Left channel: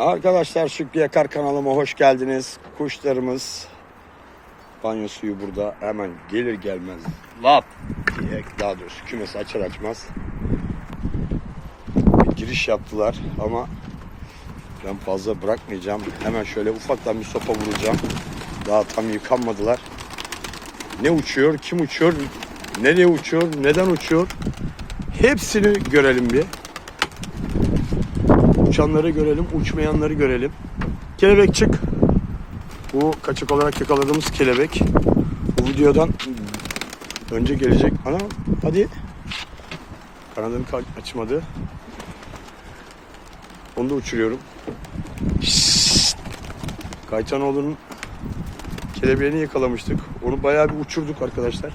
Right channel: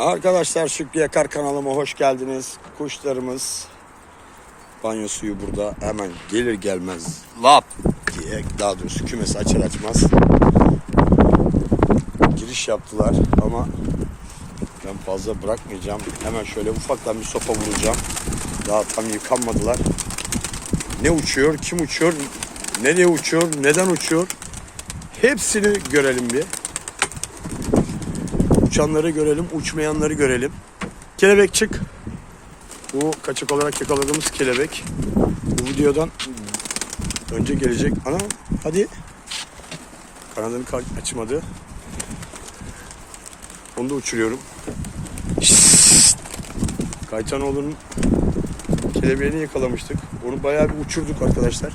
Arkadaşlar Şükrü Yakar kanalıma hoş geldiniz. Kuşlarımız banyo suyu burada hemen gelir gelmez lap diye daha doğrusu kümesi açar açmaz giriş yaptılar ama ben fazla bırakmayacağım. Hemen şöyle ufaktan bir sopa vuracağım. Daha tam yıkanmadılar. Ne uçuyor, kim uçuyor, nereye uçuyor, neden uçuyor hepsini görelim bir. Uçanları görelim, uçmayanları görelim. Kelebek çık. Bu kaçak olarak yakaladığımız kelebek. Bu videodan önce gelecek. Ana hadi. Kanadını ka- açmadı. Onu da uçuruyorum. Kaytanoğlu'nun kelebeğini yakalamıştık. Onu bayağı bir uçurduk arkadaşlar.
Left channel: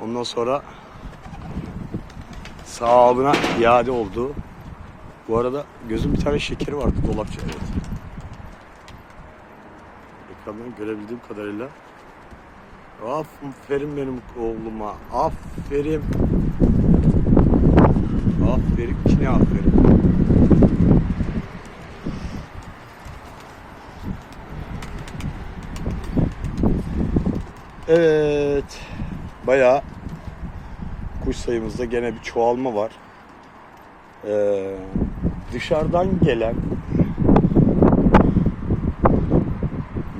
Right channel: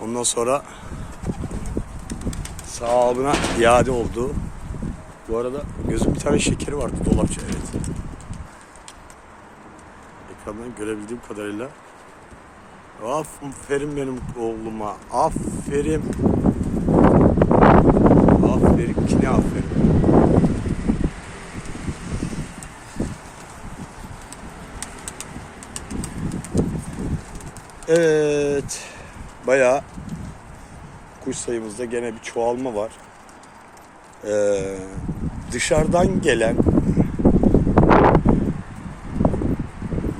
Ondan sonra sahibine iade oldu. Bu arada gözüm bir tane şekeri vardı dolapçı evet. Ekrandan görebildiğim kadarıyla. Aferin benim oğluma. Aferin. Aferin ki ne aferin. Evet. Bayağı kuş sayımızda gene bir çoğalma var. Ee, dışarıdan gelen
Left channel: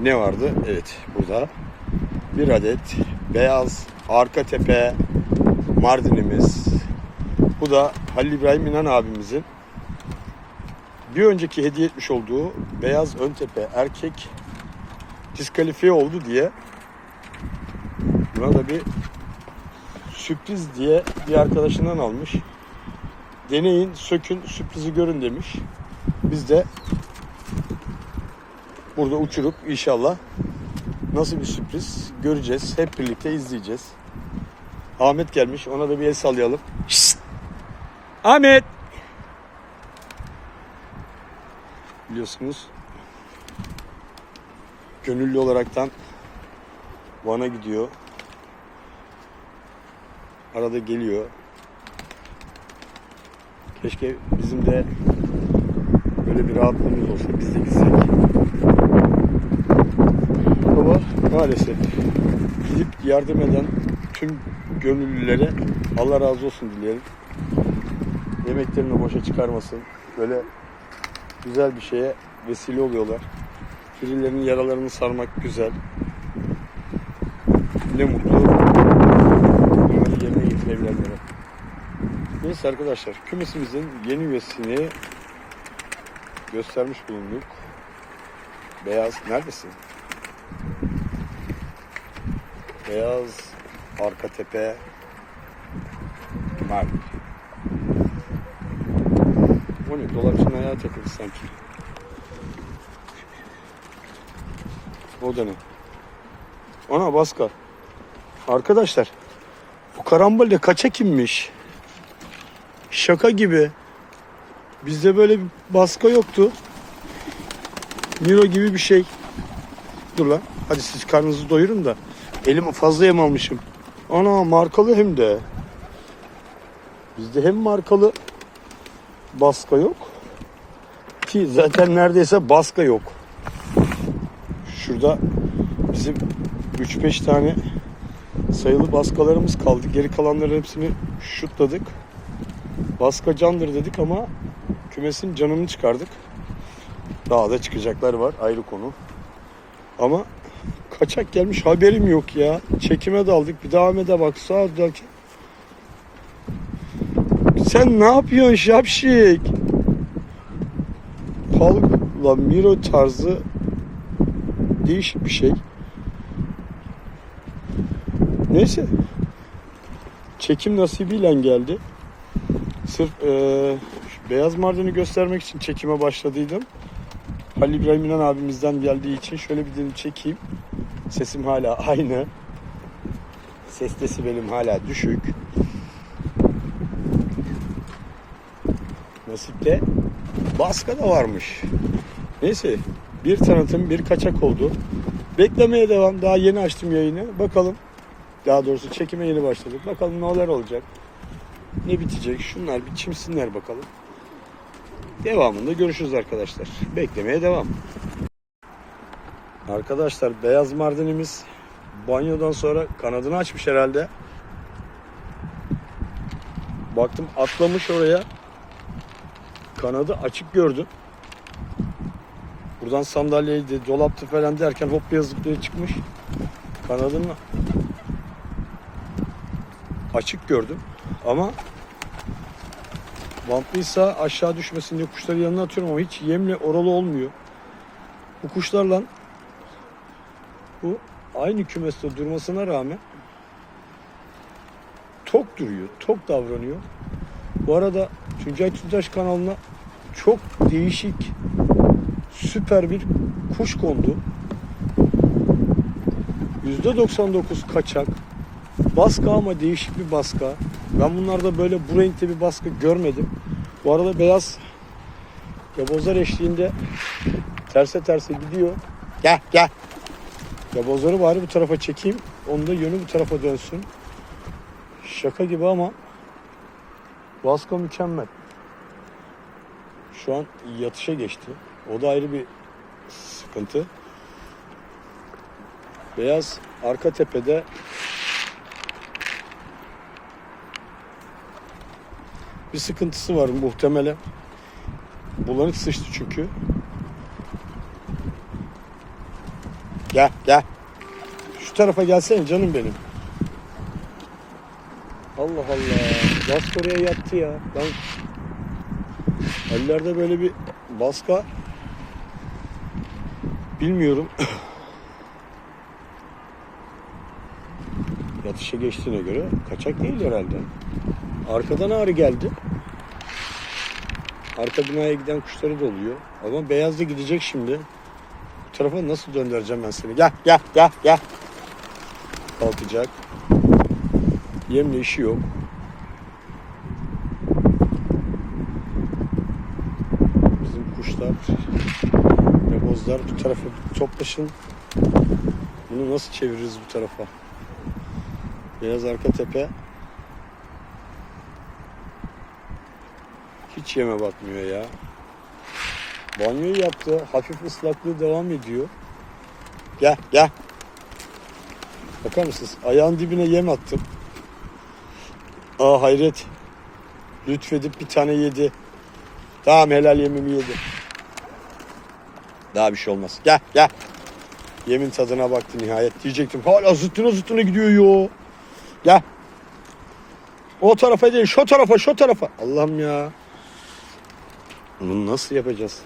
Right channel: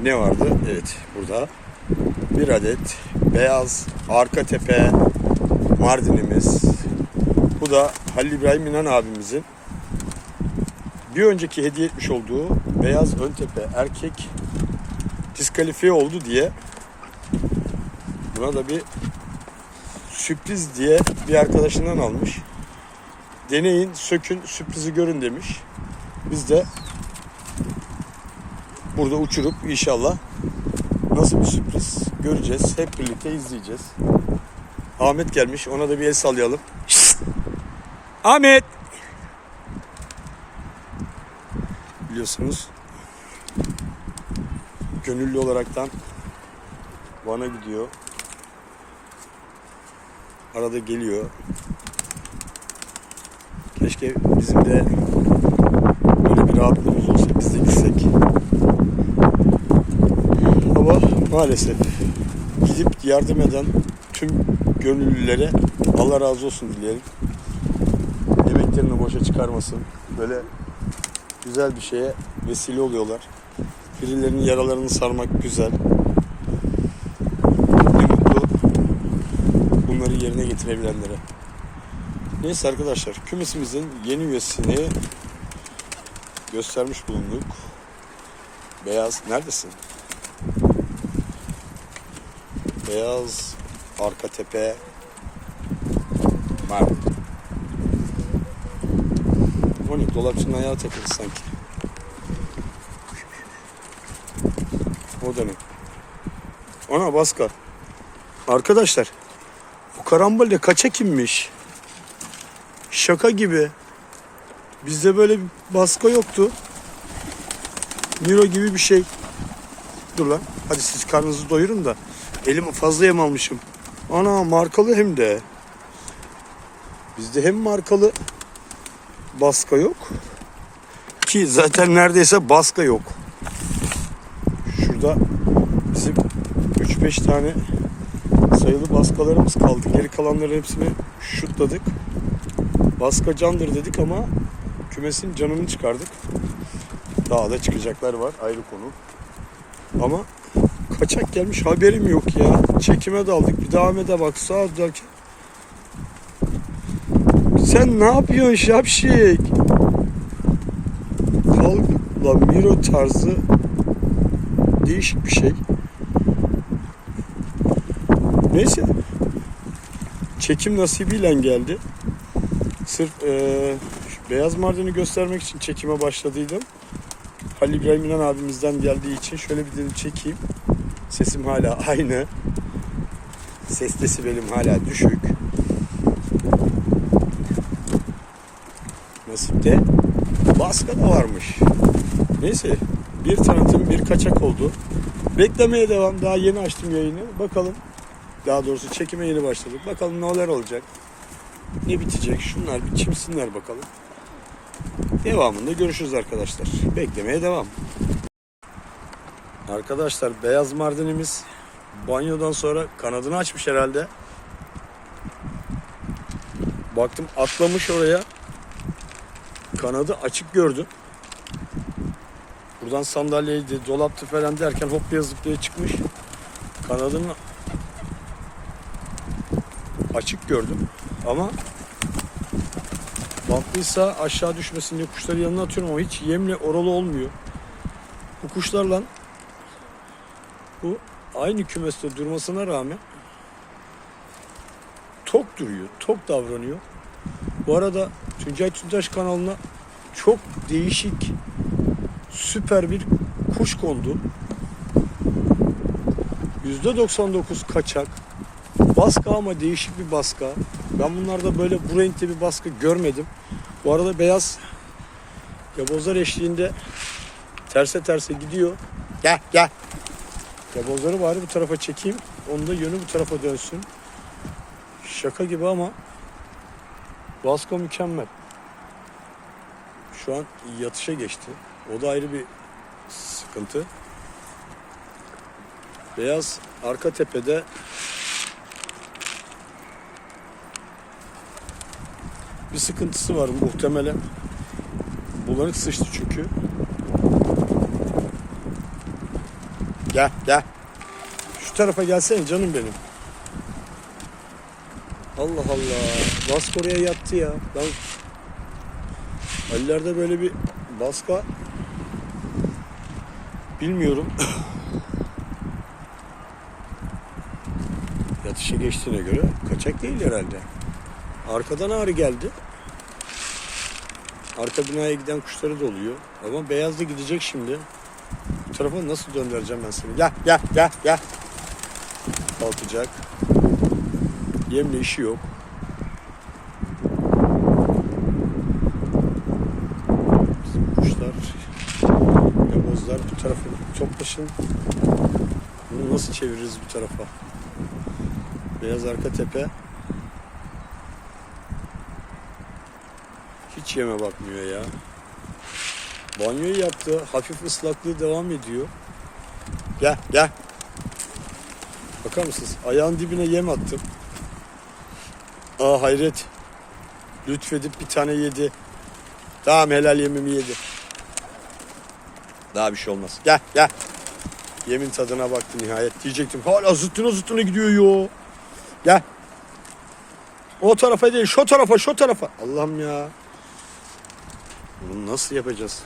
ne vardı? Evet burada bir adet beyaz arka tepe Mardinimiz. Bu da Halil İbrahim İnan abimizin bir önceki hediye etmiş olduğu beyaz ön tepe erkek diskalifiye oldu diye buna da bir sürpriz diye bir arkadaşından almış. Deneyin, sökün, sürprizi görün demiş. Biz de burada uçurup inşallah nasıl bir sürpriz göreceğiz. Hep birlikte izleyeceğiz. Ahmet gelmiş. Ona da bir el sallayalım. Şşt! Ahmet! Biliyorsunuz gönüllü olaraktan Van'a gidiyor. Arada geliyor. Keşke bizim de böyle bir rahatlığımız olsa biz de gitsek. Ama maalesef gidip yardım eden tüm gönüllülere Allah razı olsun dileyelim. Emeklerini boşa çıkarmasın. Böyle güzel bir şeye vesile oluyorlar. Birilerinin yaralarını sarmak güzel. Ne mutlu getirebilenlere. Neyse arkadaşlar kümesimizin yeni üyesini göstermiş bulunduk. Beyaz neredesin? Beyaz arka tepe Mart. O ne? Dolapçının ayağı takıldı sanki. O da ne? Ana baska. Arkadaşlar bu karambolde kaça kimmiş? Şaka gibi. Bizde böyle bir baska yoktu. Miro gibi bir şey. Dur lan. Hadi siz karnınızı doyurun da. Elim fazla yem almışım. Ana markalı hem de. Bizde hem markalı baska yok. Ki zaten neredeyse baska yok. Şurada bizim 3-5 tane sayılı baskalarımız kaldı. Geri kalanların hepsini şutladık. Baska candır dedik ama kümesin canını çıkardık. Daha da çıkacaklar var ayrı konu. Ama kaçak gelmiş haberim yok ya. Çekime daldık bir devam ede bak sağa derken. Sen ne yapıyorsun şapşik? Kalkla Miro tarzı değişik bir şey. Neyse. Çekim nasibiyle geldi. Sırf şu beyaz mardini göstermek için çekime başladıydım. Halil İbrahim İnan abimizden geldiği için şöyle bir dedim çekeyim. Sesim hala aynı. Ses desibelim hala düşük. Nasipte baska da varmış. Neyse bir tanıtım bir kaçak oldu. Beklemeye devam. Daha yeni açtım yayını. Bakalım. Daha doğrusu çekime yeni başladık. Bakalım neler olacak. Ne bitecek? Şunlar bir çimsinler bakalım. Devamında görüşürüz arkadaşlar. Beklemeye devam. Arkadaşlar beyaz mardinimiz banyodan sonra kanadını açmış herhalde. Baktım atlamış oraya. Kanadı açık gördüm. Buradan sandalyeydi, dolaptı falan derken hop diye zıplaya çıkmış. Kanadını açık gördüm. Ama bantlıysa aşağı düşmesin diye kuşları yanına atıyorum ama hiç yemle oralı olmuyor. Bu kuşlarla bu aynı kümeste durmasına rağmen tok duruyor, tok davranıyor. Bu arada Tuncay Tüntaş kanalına çok değişik, süper bir kuş kondu. %99 kaçak. Baska ama değişik bir baska. Ben bunlarda böyle bu renkte bir baska görmedim. Bu arada beyaz yabozlar eşliğinde terse terse gidiyor. Gel gel. Yabozları bari bu tarafa çekeyim. Onun da yönü bu tarafa dönsün. Şaka gibi ama baska mükemmel. Şu an yatışa geçti. O da ayrı bir sıkıntı. Beyaz arka tepede bir sıkıntısı var muhtemelen. Bulanık sıçtı çünkü. Gel gel. Şu tarafa gelsene canım benim. Allah Allah. Baska oraya yattı ya. Ben Ali'lerde böyle bir baska bilmiyorum. Yatışa geçtiğine göre kaçak değil herhalde. Arkadan ağrı geldi. Arka binaya giden kuşları da oluyor. Ama beyaz da gidecek şimdi. Tarafa nasıl döndüreceğim ben seni? Gel gel gel gel. Kalkacak. Yemle işi yok. Bizim kuşlar, yabozlar bu tarafa toplaşın. Bunu nasıl çeviririz bu tarafa? Beyaz arka tepe. Hiç yeme bakmıyor ya. Banyoyu yaptı. Hafif ıslaklığı devam ediyor. Gel gel. Bakar mısınız? Ayağın dibine yem attım. Aa hayret. Lütfedip bir tane yedi. Tamam helal yemimi yedi. Daha bir şey olmaz. Gel gel. Yemin tadına baktı nihayet. Diyecektim hala zıttına zıttına gidiyor yo. Gel. O tarafa değil şu tarafa şu tarafa. Allah'ım ya. Bunu nasıl yapacağız?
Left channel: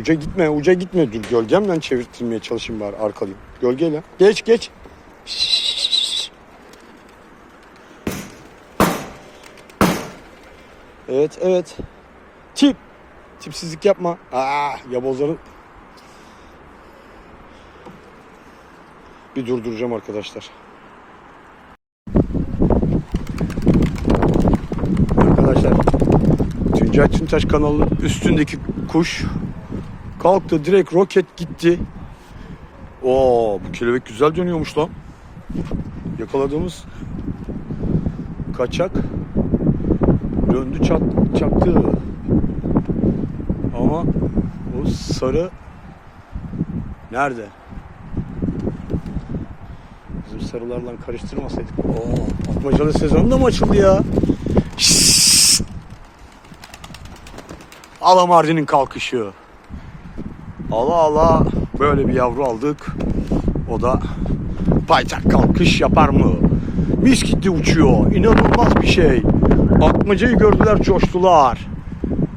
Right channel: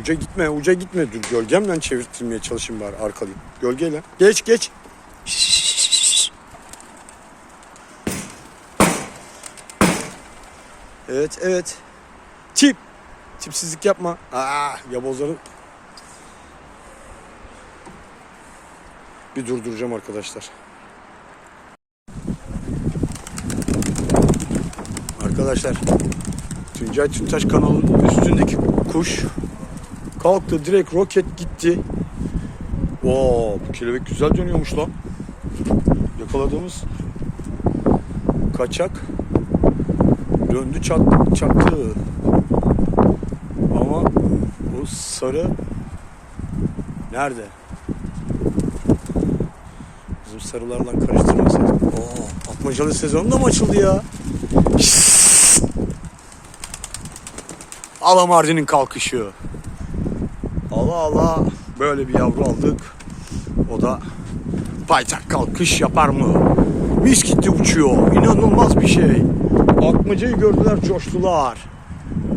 Uca gitme, uca gitme. Dur gölgemle çevirtmeye çalışayım bari arkalayayım. Gölgeyle. Geç geç. Evet evet. Tip. Tipsizlik yapma. Aa, yabozları bir durduracağım arkadaşlar. Arkadaşlar Tuncay Çintaş kanalının üstündeki kuş kalktı direkt roket gitti. Oo bu kelebek güzel dönüyormuş lan. Yakaladığımız kaçak döndü çat, çaktı. Ama o sarı nerede? Bizim sarılarla karıştırmasaydım. Oo, atmacalı sezon da mı açıldı ya? Alamardin'in kalkışı. Ala ala böyle bir yavru aldık. O da paytak kalkış yapar mı? Mis gitti uçuyor. İnanılmaz bir şey. Atmacayı gördüler coştular.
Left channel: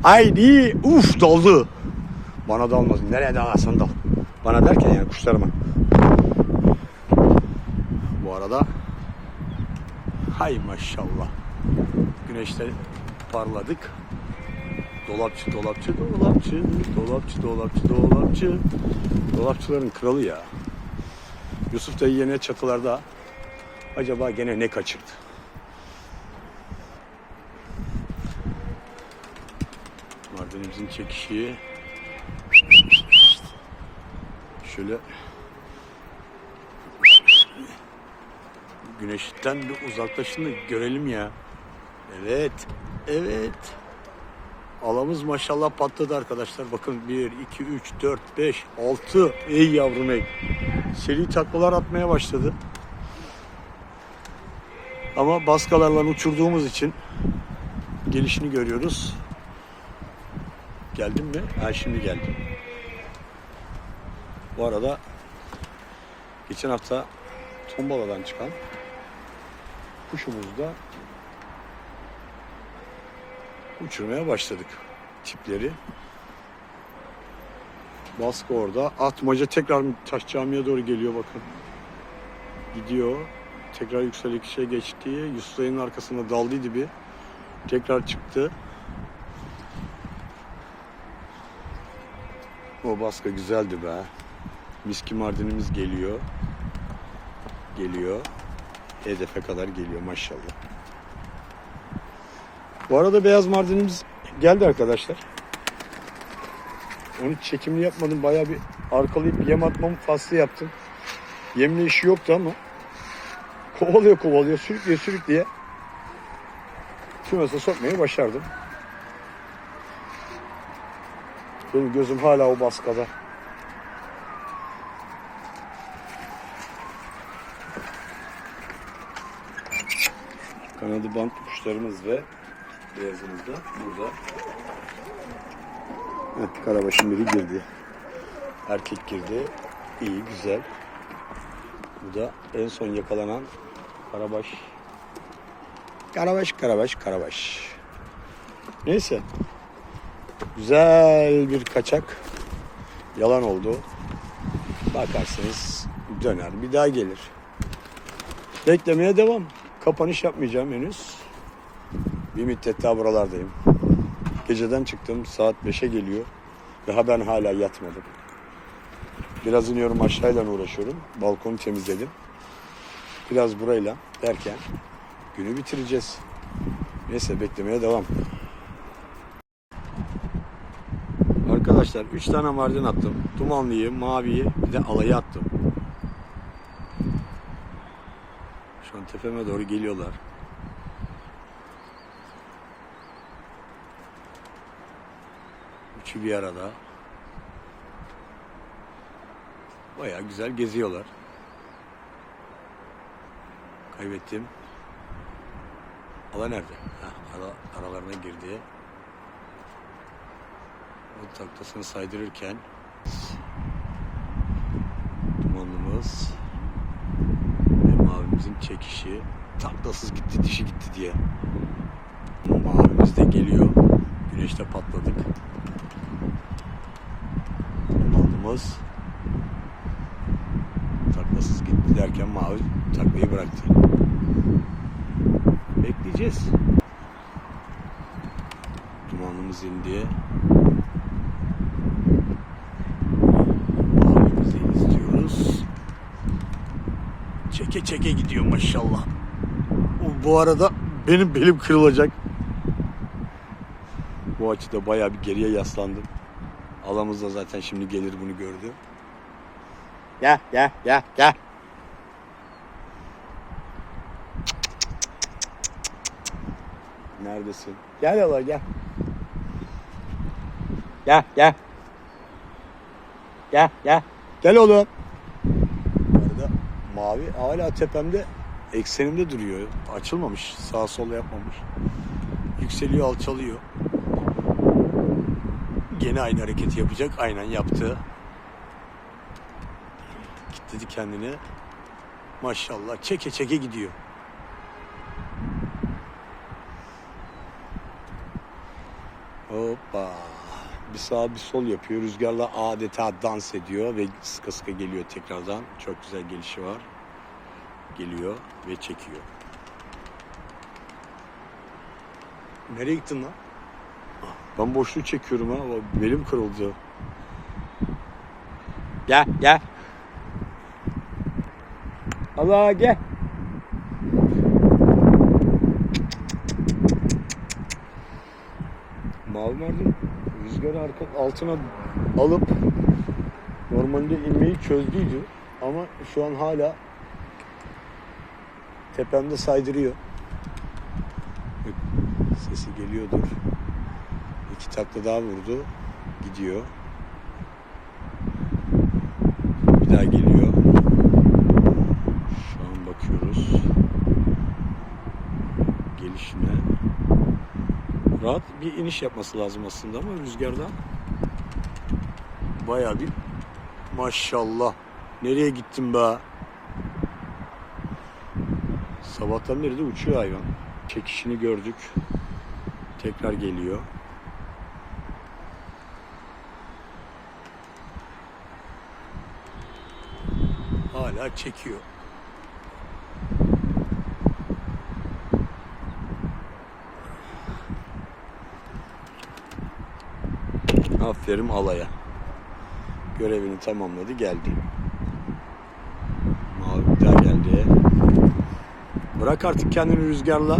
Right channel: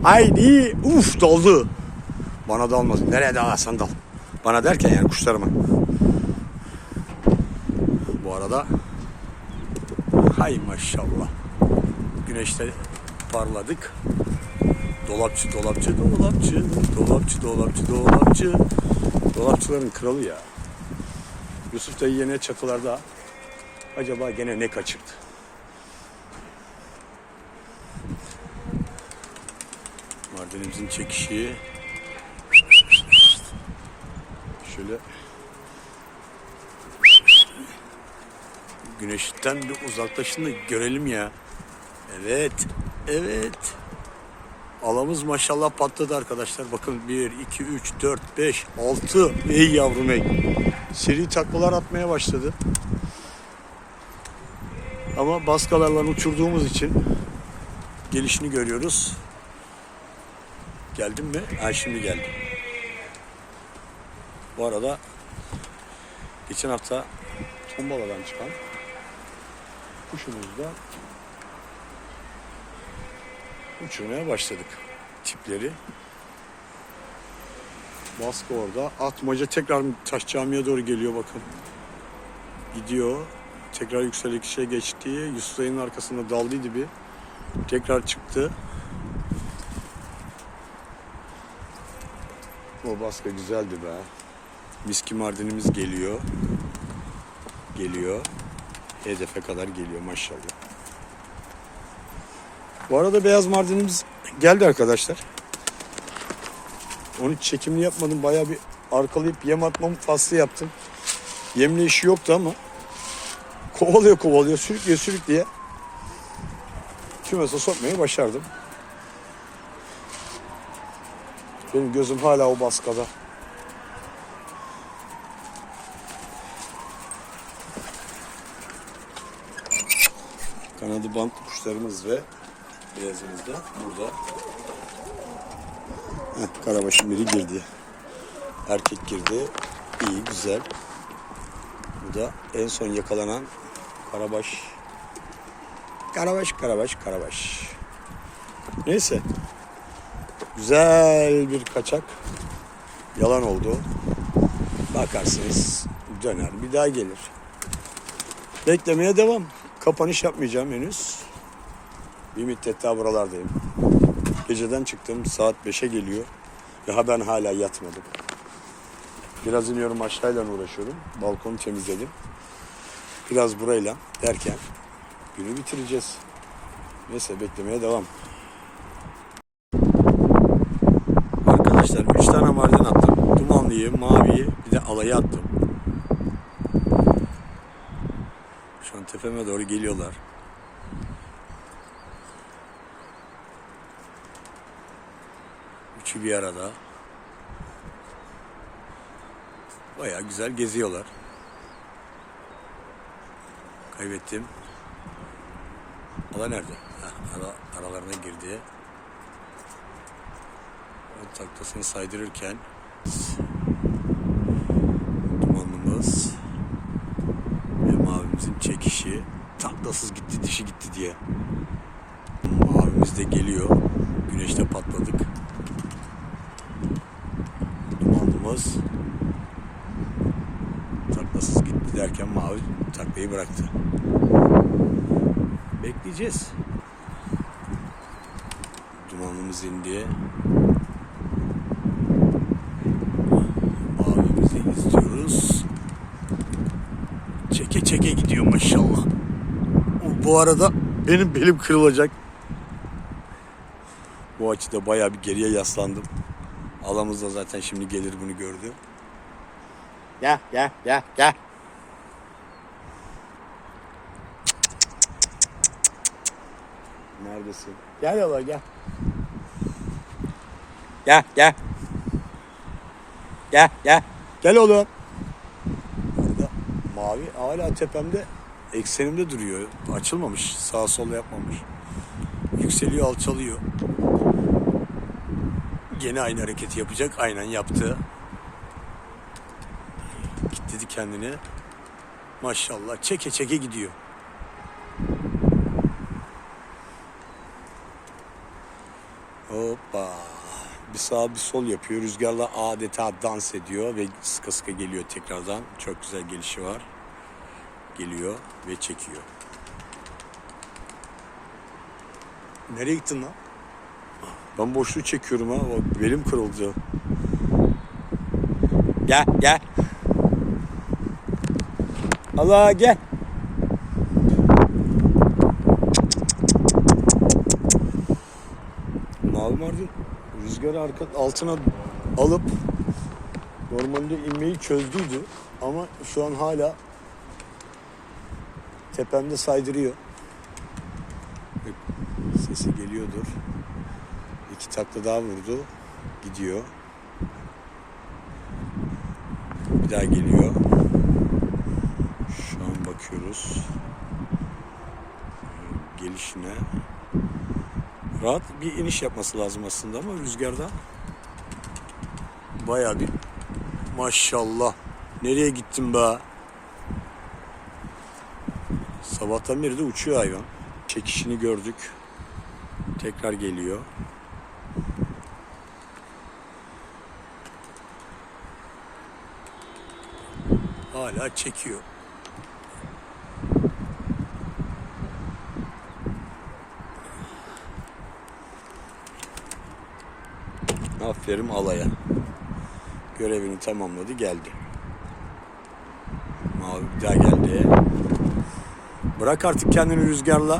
Haydi uf daldı. Bana dalmaz. Nereye dalarsan dal. Bana derken yani kuşlarıma. Bu arada hay maşallah. Güneşte parladık. Dolapçı, dolapçı, dolapçı, dolapçı, dolapçı, dolapçı. Dolapçıların kralı ya. Yusuf dayı yine çatılarda. Acaba gene ne kaçırdı? Mardinimizin çekişi. Şöyle güneşten bir uzaklaşın görelim ya. Evet, evet. Alamız maşallah patladı arkadaşlar. Bakın 1, 2, 3, 4, 5, 6. Ey yavrum ey. Seri taklalar atmaya başladı. Ama baskalarla uçurduğumuz için gelişini görüyoruz. Geldim mi? Ha şimdi geldim. Bu arada geçen hafta tombaladan çıkan kuşumuzu da uçurmaya başladık tipleri. Baskı orada. Atmaca tekrar taş camiye doğru geliyor bakın. Gidiyor. Tekrar yükselişe geçti. Yusuf'un arkasında daldıydı bir. Tekrar çıktı. O baskı güzeldi be. Miski Mardin'imiz geliyor. Geliyor. Hedefe kadar geliyor maşallah. Bu arada beyaz Mardin'imiz geldi arkadaşlar. Onu çekimli yapmadım. Bayağı bir arkalayıp yem atmamı faslı yaptım. Yemli işi yoktu ama kovalıyor kovalıyor sürükleye sürükleye kümese sokmayı başardım. Benim gözüm hala o baskada. Kanadı bantlı kuşlarımız ve beyazımız da burada. Heh, karabaşın biri girdi. Erkek girdi. İyi, güzel. Bu da en son yakalanan karabaş. Karabaş, karabaş, karabaş. Neyse. Güzel bir kaçak. Yalan oldu. Bakarsınız döner bir daha gelir. Beklemeye devam. Kapanış yapmayacağım henüz. Bir müddet daha buralardayım. Geceden çıktım saat 5'e geliyor. Daha ben hala yatmadım. Biraz iniyorum aşağıyla uğraşıyorum. Balkonu temizledim. Biraz burayla derken günü bitireceğiz. Neyse beklemeye devam. Arkadaşlar 3 tane mardin attım. Dumanlıyı, maviyi bir de alayı attım. Şu an tepeme doğru geliyorlar. Üçü bir arada. Bayağı güzel geziyorlar. Kaybettim. Ala nerede? Heh, ara, aralarına girdi. O taklasını saydırırken dumanımız ve mavimizin çekişi taklasız gitti dişi gitti diye. Mavimiz de geliyor. Güneşte patladık. Dumanımız taklasız gitti derken mavi taklayı bıraktı. Bekleyeceğiz. Dumanımız indi. Mavimizi izliyoruz. Çeke çeke gidiyor maşallah. Bu arada benim belim kırılacak. Bu açıda bayağı bir geriye yaslandım. Alamız da zaten şimdi gelir bunu gördü. Gel gel gel gel. Neredesin? Gel yola gel. Gel gel. Gel gel. Gel oğlum. Burada mavi hala tepemde eksenimde duruyor. Açılmamış. Sağ sol yapmamış. Yükseliyor alçalıyor. Gene aynı hareketi yapacak. Aynen yaptı. Kitledi kendini. Maşallah çeke çeke gidiyor. Hoppa. Bir sağ bir sol yapıyor. Rüzgarla adeta dans ediyor ve sıka sıka geliyor tekrardan. Çok güzel gelişi var. Geliyor ve çekiyor. Nereye gittin lan? Ben boşluğu çekiyorum ha. Bak, Belim kırıldı. Gel gel. Allah gel. Mavi Mardin rüzgarı arka altına alıp normalde inmeyi çözdüydü ama şu an hala tepemde saydırıyor. Sesi geliyordur. İki takla daha vurdu. Gidiyor. Bir daha geliyor. Şu an bakıyoruz. Gelişine. Rahat bir iniş yapması lazım aslında ama rüzgardan bayağı bir maşallah. Nereye gittim be? Sabahtan beri de uçuyor hayvan. Çekişini gördük. Tekrar geliyor. Hala çekiyor. Aferin alaya. Görevini tamamladı geldi. Mavi bir daha geldi. Bırak artık kendini rüzgarla.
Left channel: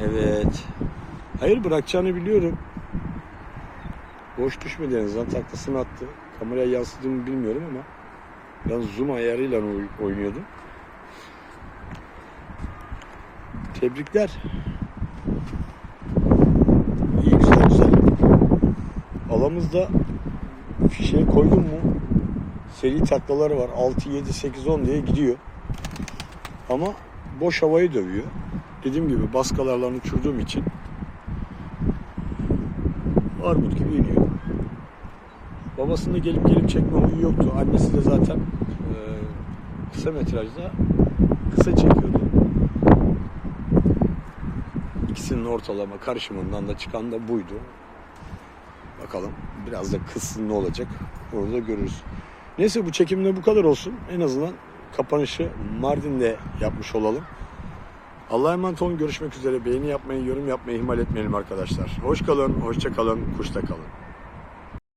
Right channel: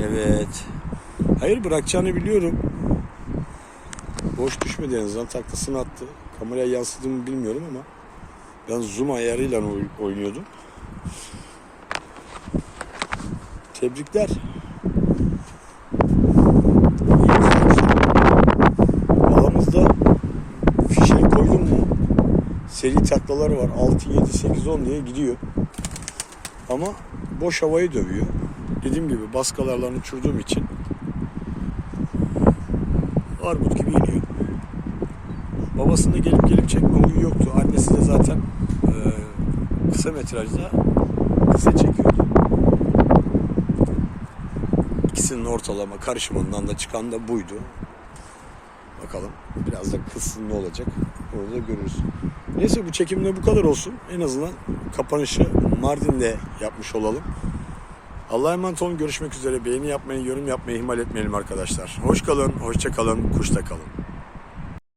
Evet. Hayır bırakacağını biliyorum. Boş düşmedi en azından taklasını attı. Kameraya yansıdığımı bilmiyorum ama ben zoom ayarıyla oy- oynuyordum. Tebrikler. Alamızda fişeği koydum mu seri taklaları var. 6, 7, 8, 10 diye gidiyor. Ama boş havayı dövüyor. Dediğim gibi baskalarla uçurduğum için armut gibi iniyor. Babasında gelip gelip çekme huyu yoktu. Annesi de zaten e, kısa metrajda kısa çekiyordu. İkisinin ortalama karışımından da çıkan da buydu. Bakalım biraz da kızsın ne olacak. Orada görürüz. Neyse bu çekimde bu kadar olsun. En azından kapanışı Mardin'de yapmış olalım. Allah'a emanet olun. Görüşmek üzere. Beğeni yapmayı, yorum yapmayı ihmal etmeyelim arkadaşlar. Hoş kalın, hoşça kalın, kuşta kalın.